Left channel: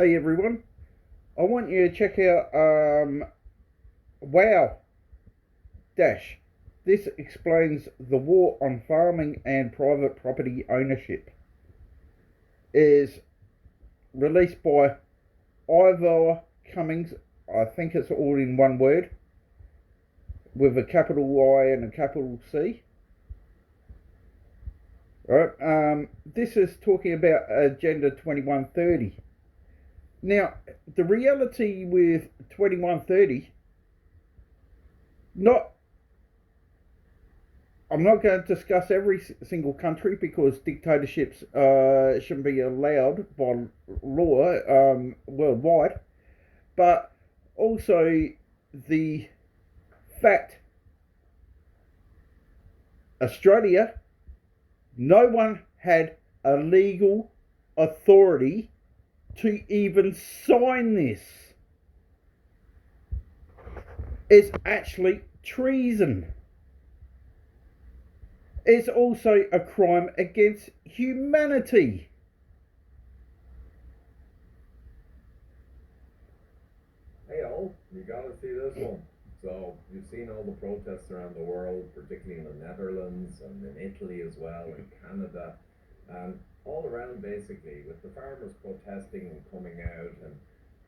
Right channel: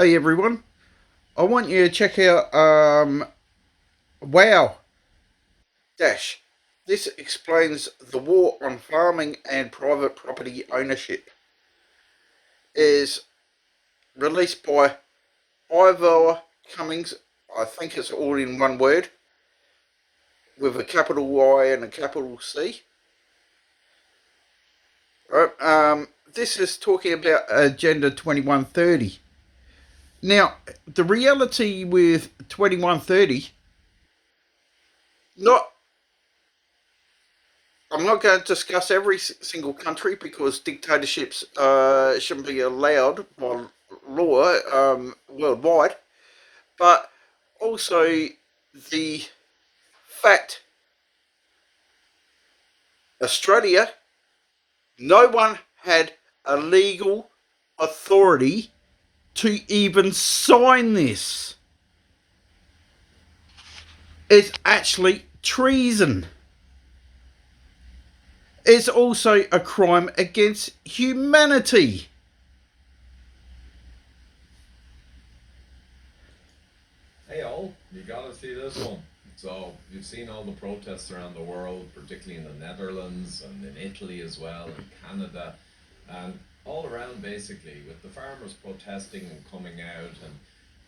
Hey everyone, I want you to check out Wow Dash. This explains the war on farming and private property ownership. Is released by Ivor Cummings. I think it's all in one word with a capital I and a capital C. All right. This is talking about Agenda 2130. Now, the reality with 2130, not I'm not going to discuss every single country because dictatorships shouldn't be allowed by law worldwide, but also the fact Australia, no one had a legal authority to even sign this. It's actually treason. It's also a crime against humanity. Hey all, you gotta see this one. So you've seen all the protests around the world, particularly in the Netherlands and in Italy as well, and Canada, and all around basically, with the farmers protesting and coming out and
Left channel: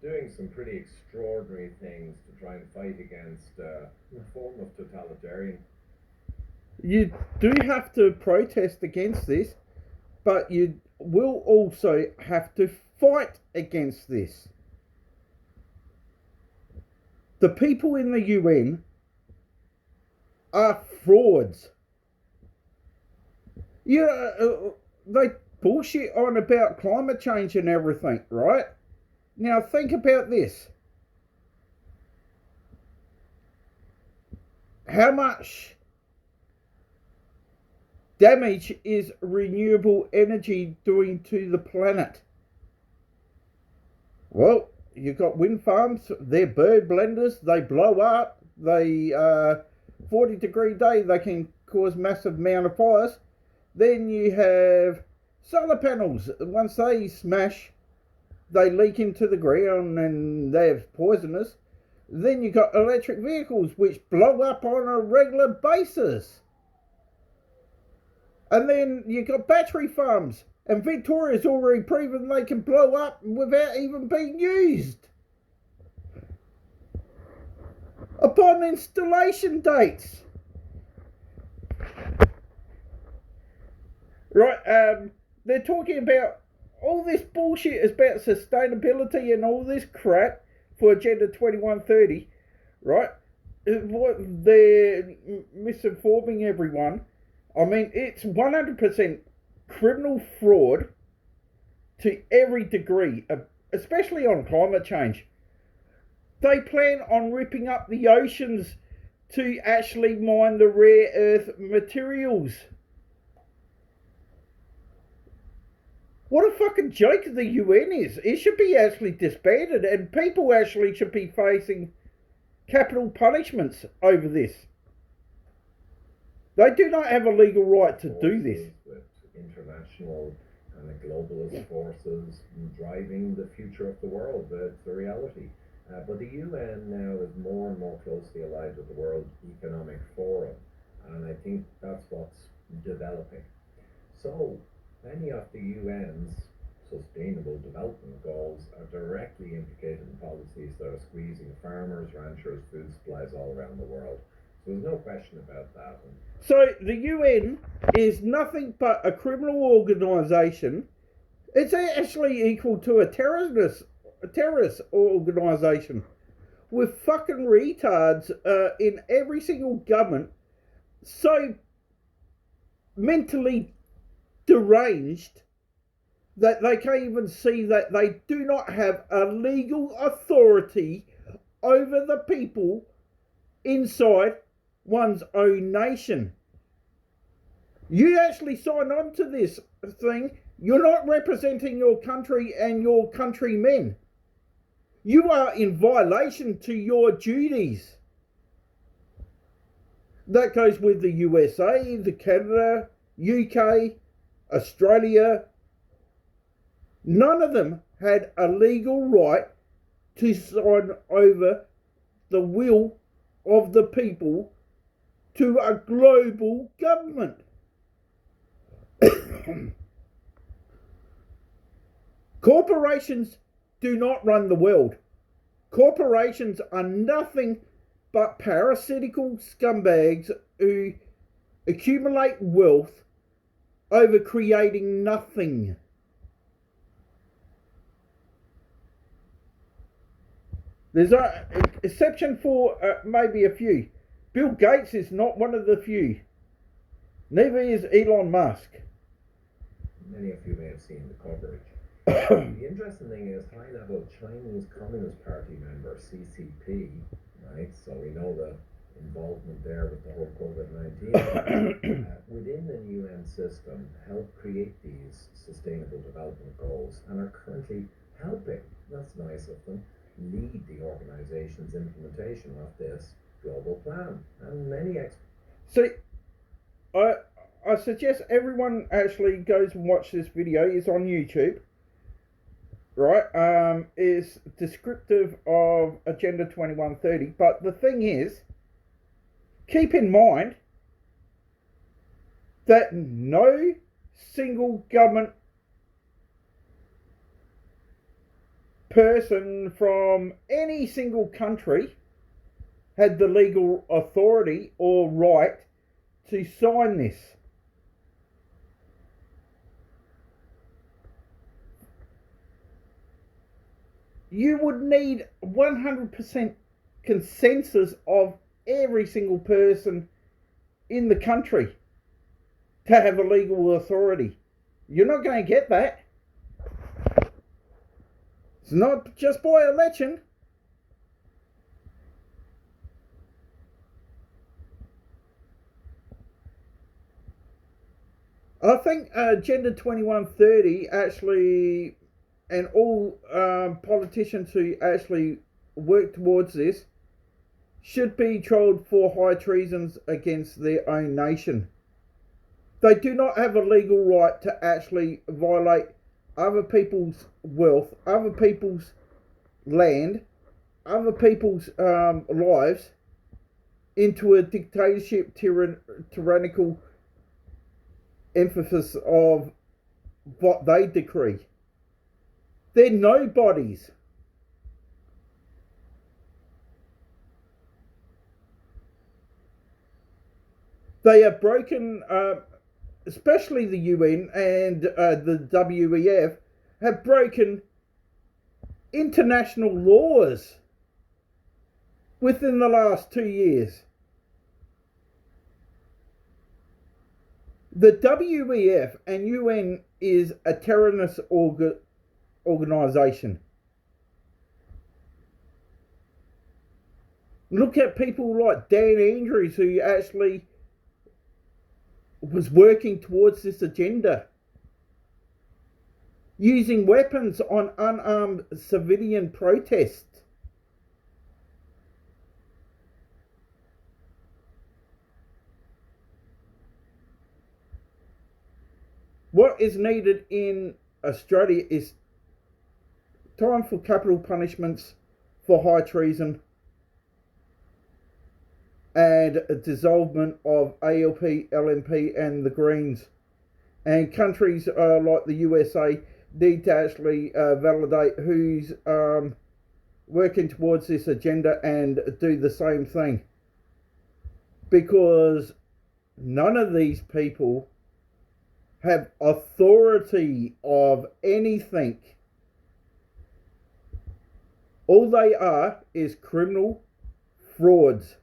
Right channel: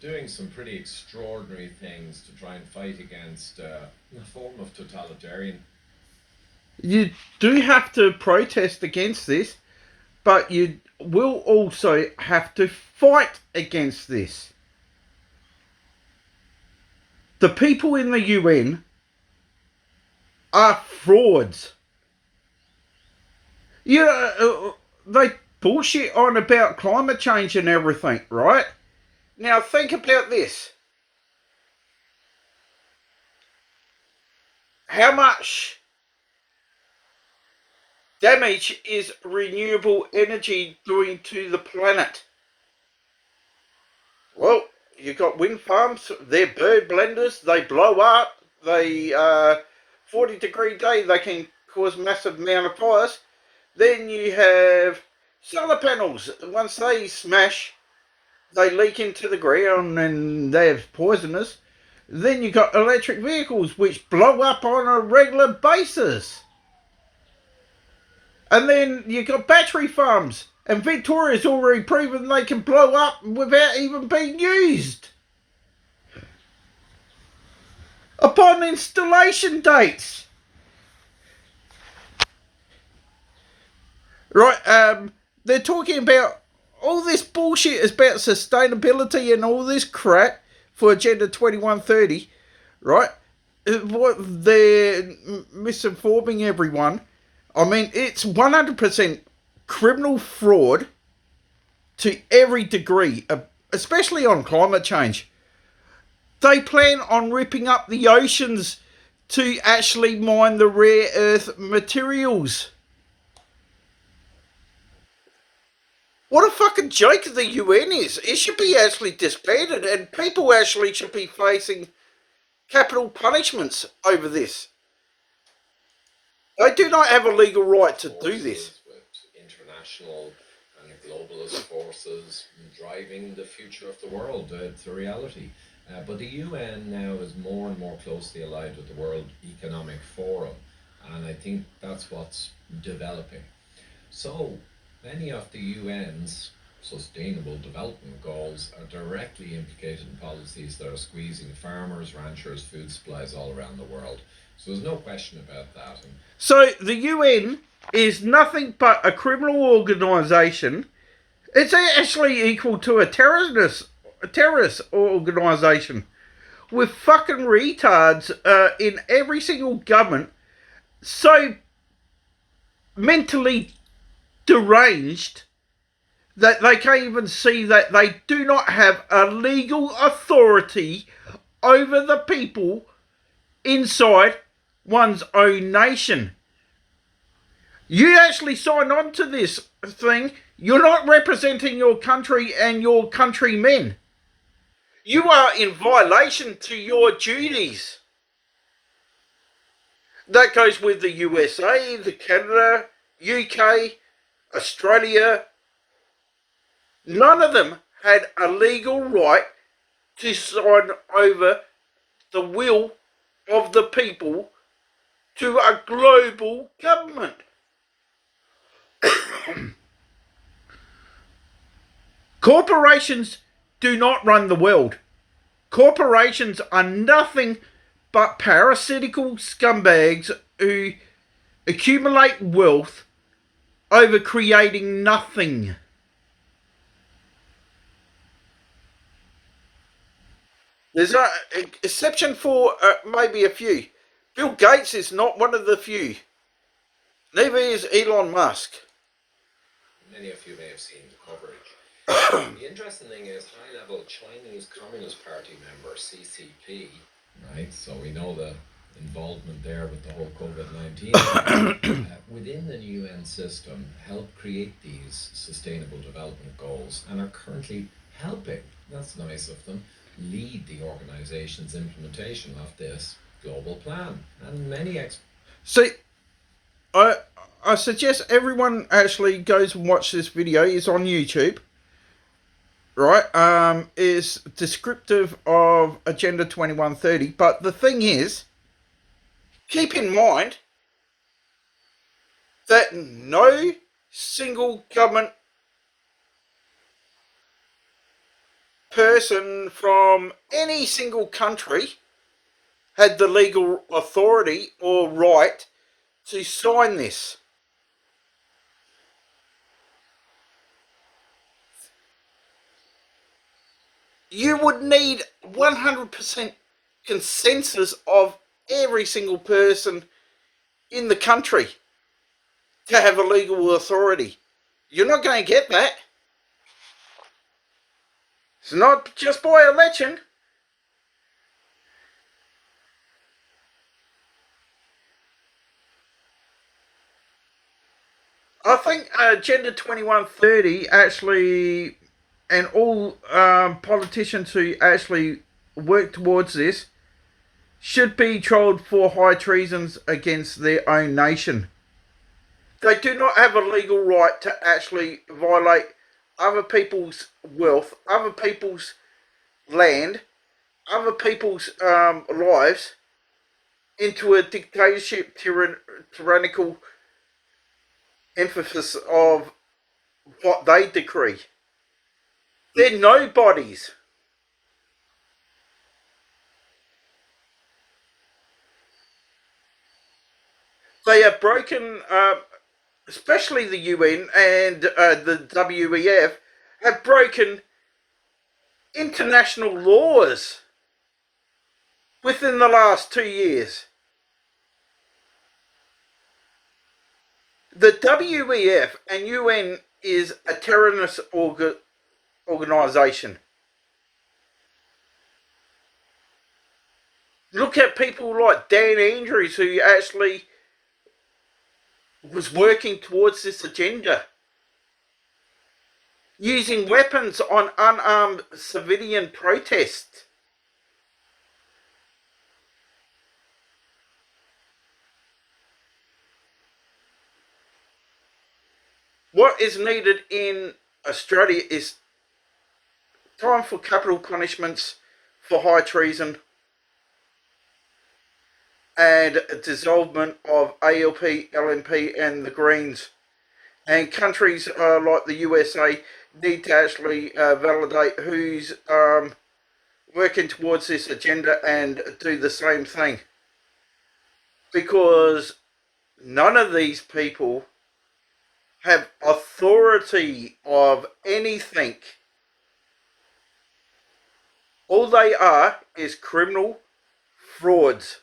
doing some pretty extraordinary things to try and fight against a form of totalitarian. You do have to protest against this, but you will also have to fight against this. The people in the UN are frauds. They bullshit on about climate change and everything, right? Now think about this. How much damage is renewable energy doing to the planet? Well, you've got wind farms, they're bird blenders, they blow up, they 40-degree day, they can cause massive amount of fires. Then you have solar panels. Once they smash, they leak into the ground and they're poisonous. Then you've got electric vehicles which blow up on a regular basis. And then you've got battery farms. And Victoria's already proven they can blow up without even being used. Upon installation dates. Right, they're talking about all this bullshit is about sustainability and all this crap for Agenda 2130, right? What they're misinforming everyone. I mean, it's 100% criminal fraud to every degree, especially on climate change. They plan on ripping up the oceans to actually mine the rare earth materials. What a fucking joke the UN is. It should be actually disbanded and people actually should be facing capital punishments over this. They do not have a legal right to do this. With international and globalist forces driving the future of the world. It's a reality. But the UN now is more and more closely allied with the World Economic Forum, and I think that's what's developing. So many of the UN's sustainable development goals are directly implicated in policies that are squeezing farmers, ranchers, food supplies all around the world. So there's no question about that. So the UN is nothing but a criminal organisation. It's actually equal to a terrorist organisation with fucking retards in every single government, so mentally deranged that they can't even see that they do not have a legal authority over the people inside one's own nation. You actually sign on to this thing. You're not representing your country and your countrymen. You are in violation to your duties. That goes with the USA, the Canada, UK, Australia. None of them had a legal right to sign over the will of the people to a global government. Corporations do not run the world. Corporations are nothing but parasitical scumbags who accumulate wealth over creating nothing. There's an exception for maybe a few. Bill Gates is not one of the few. Neither is Elon Musk. Many of you may have seen the coverage. The interesting thing is high-level Chinese Communist Party member, CCP, right? So we know the involvement there with the whole COVID-19. Within the UN system, help create these sustainable development goals and are currently helping, that's nice of them, lead the organization's implementation of this global plan. And many See, I suggest everyone actually goes and watch this video. It's on YouTube. Right? Is descriptive of Agenda 2130. But the thing is, keep in mind that no single government person from any single country had the legal authority or right to sign this. You would need 100% consensus of every single person in the country to have a legal authority. You're not going to get that. It's not just by election. I think Agenda 2130 actually, and all politicians who actually work towards this, should be trialled for high treasons against their own nation. They do not have a legal right to actually violate other people's wealth, other people's land, other people's lives into a dictatorship, tyrannical emphasis of what they decree. They're nobodies. They have broken, especially the UN and the WEF, have broken international laws within the last 2 years. The WEF and UN is a terrorist organisation. Look at people like Dan Andrews, who actually was working towards this agenda, using weapons on unarmed civilian protests. What is needed in Australia is time for capital punishments for high treason and a dissolvement of ALP, LNP and the Greens. And countries like the USA need to actually validate who's working towards this agenda and do the same thing. Because none of these people have authority of anything. All they are is criminal frauds.